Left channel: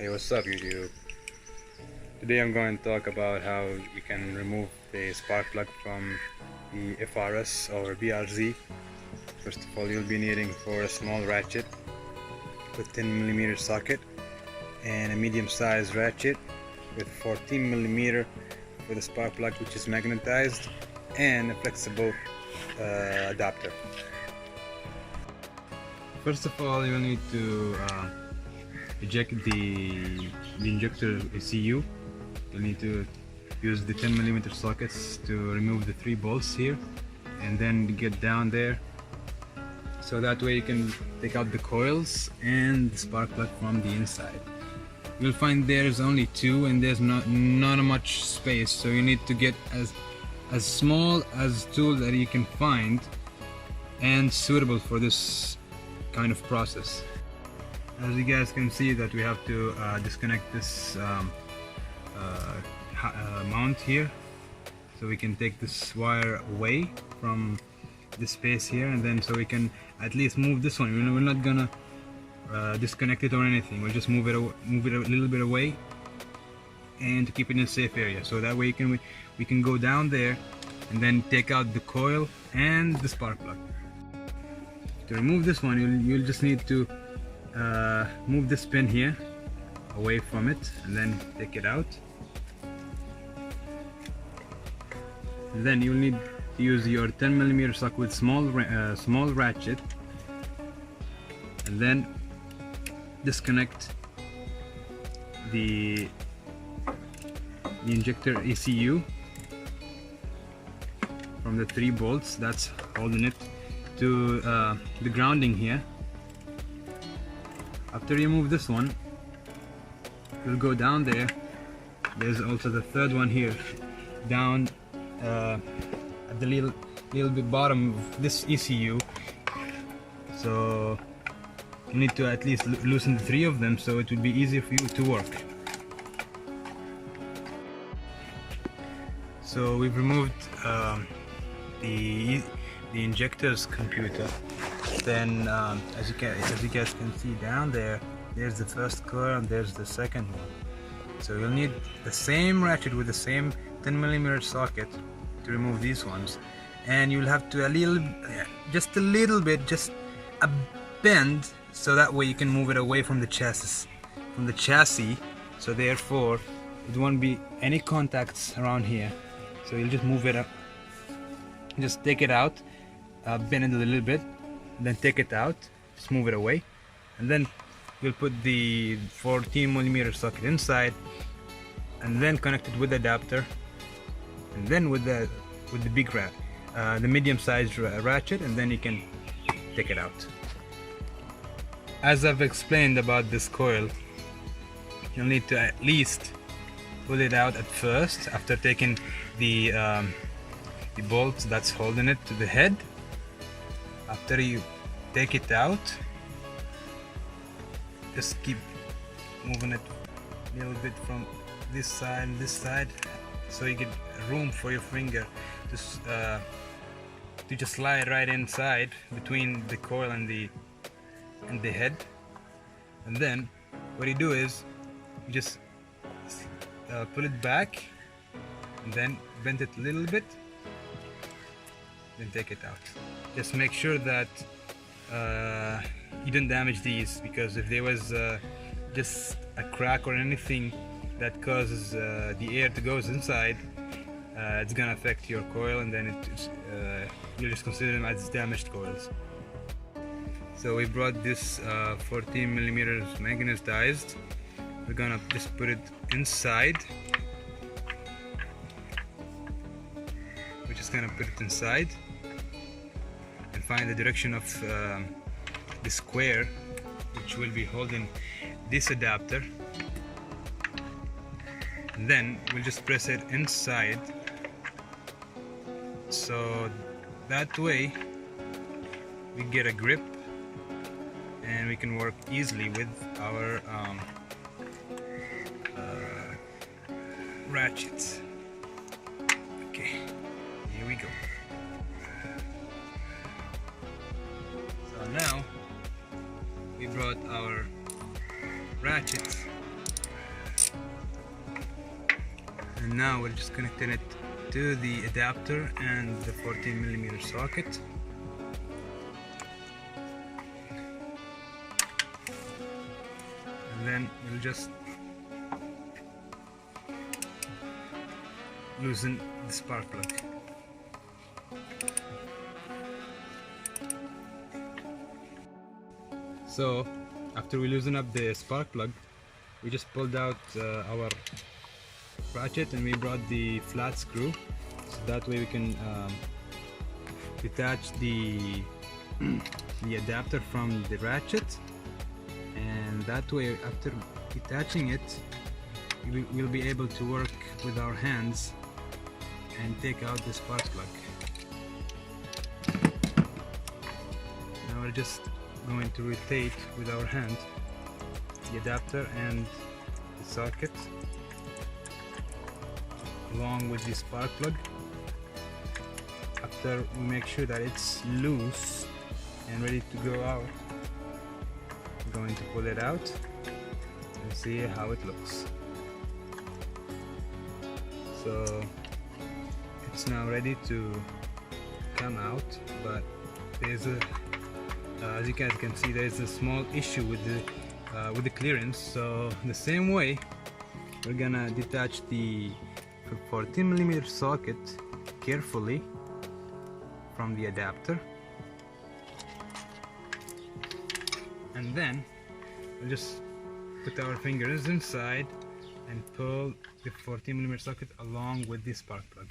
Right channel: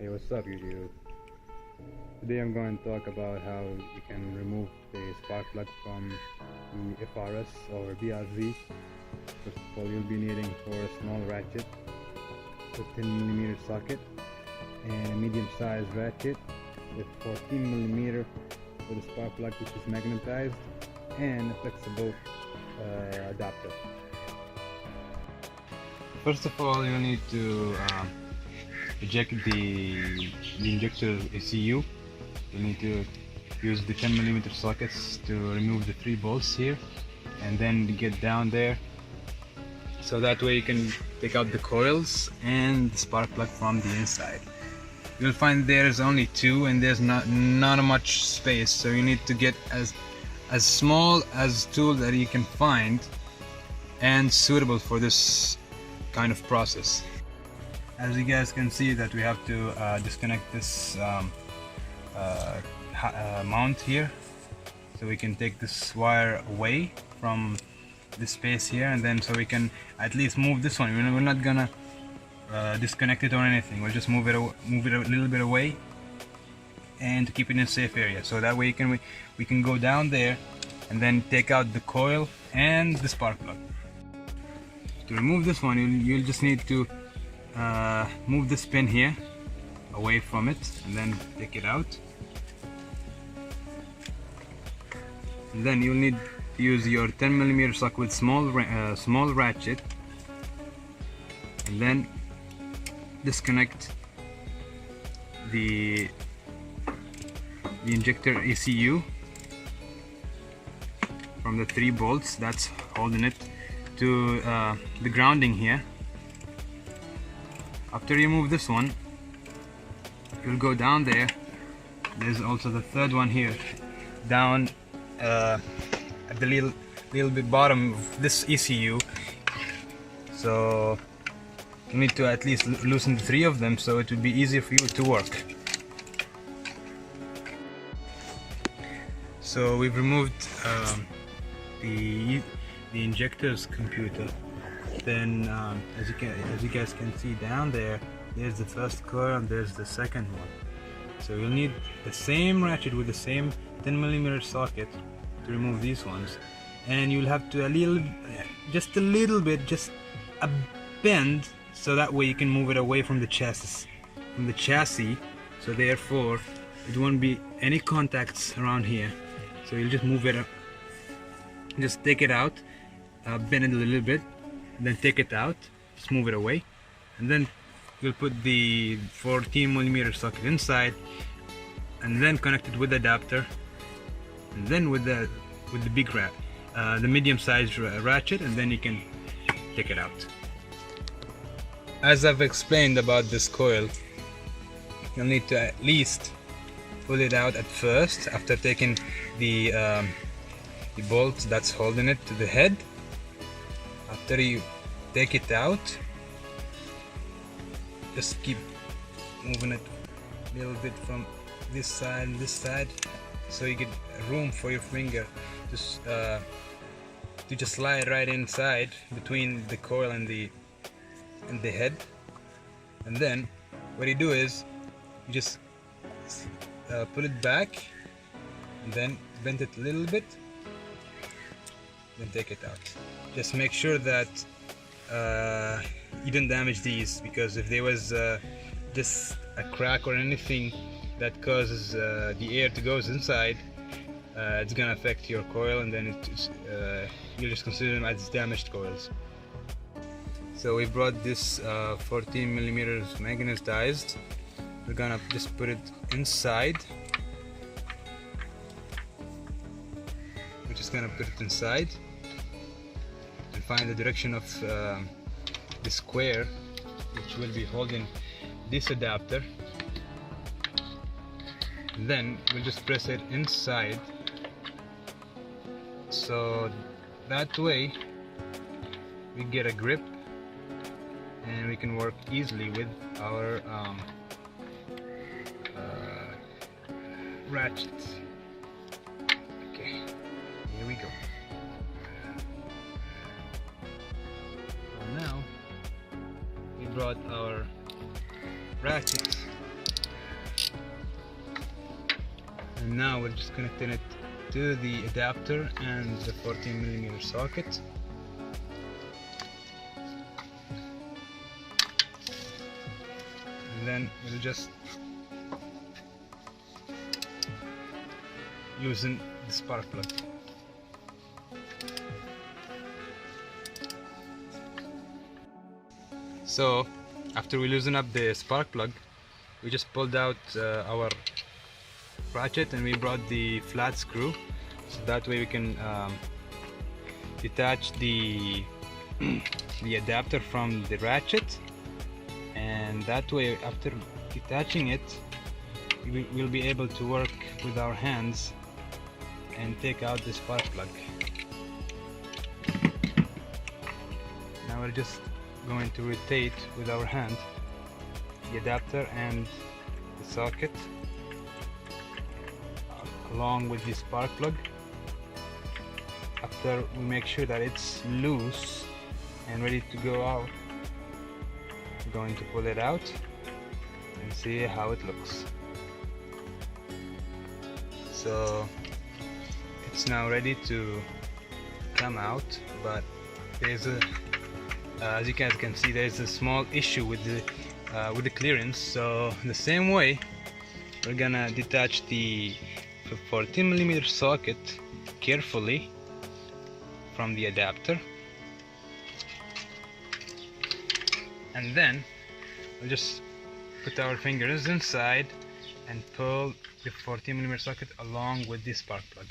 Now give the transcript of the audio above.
Hey, what's up YouTube? Today I'm going to talk about how you can remove the spark plug from the FRS or BRZ. First of all, you'll be needing for a small ratchet with 10mm socket and a medium-sized ratchet with 14mm with a spark plug which is magnetized and a flexible adapter. First of all, you'll need to eject the injector ECU. You'll need to use the 10mm sockets to remove the 3 bolts here and then get down there, so that way you can take out the coils and the spark plug from the inside. You'll find there's only 2 and there's not much space, so you need to get as small as tool that you can find and suitable for this kind of process. As you guys can see that we have to disconnect this mount here, so we can take this wire away from this space here, and then so we can at least move this one. We're not gonna disconnect it or anything. We'll just move it a little bit away and to keep it in a safe area, so that way we can go down there and then take out the coil and the spark plug. To remove this one, you'll just need to move this pin here away from it and then take it out. And then you'll need to use your 10mm socket with small ratchet, and then disconnect the injector ECU from the 3 bolts that's holding it to the grounding here. After you remove this one, you'll go down there. There's also the 3rd one here, down at the little bit bottom of this ECU. So you need to at least loosen the 3 of them, so it will be easier for you to work. So we've removed the injector's computer. Then as you guys can see down there's the first coil and there's the second one. So you'll need the same ratchet with the same 10mm socket to remove these ones, and you'll have to just a little bit, just a bend, so that way you can move it away from the chassis, so therefore it won't be any contacts around here. So you'll just move it up, just take it out, bend it a little bit, and then take it out, just move it away, and then we'll put the 14mm socket inside and then connect it with the adapter, and then with the big the medium-sized ratchet, and then you can take it out. As I've explained about this coil, you'll need to at least pull it out at first after taking the bolt that's holding it to the head. After you take it out, just keep moving it a little bit from this side and this side, so you get room for your finger to just slide right inside between the coil and the head. And then what you do is you just pull it back and then bend it a little bit, then take it out. Just make sure that you don't damage these, because if there was just a crack or anything that causes the air to go inside, it's gonna affect your coil, and then you'll just consider them as damaged coils. So we brought this 14mm magnetized. We're gonna just put it inside. We're just gonna put it inside and find the direction of the square which will be holding this adapter, and then we'll just press it inside, so that way we get a grip and we can work easily with our ratchets. Okay, here we go. So now we brought our ratchets and now we're just connecting it to the adapter and the 14mm socket. And then we'll just loosen the spark plug. So after we loosen up the spark plug, we just pulled out our ratchet and we brought the flat screw, so that way we can detach the the adapter from the ratchet, and that way after detaching it we'll be able to work with our hands and take out the spark plug. Now we're just going to rotate with our hand the adapter and the socket along with the spark plug. After we make sure that it's loose and ready to go out, we're going to pull it out and see how it looks. So it's now ready to come out, but there's a as you guys can see, there's a small issue with the clearance. So the same way, we're gonna detach the 14mm socket carefully from the adapter, and then we'll just put our fingers inside and pull the 14mm socket along with the spark plug.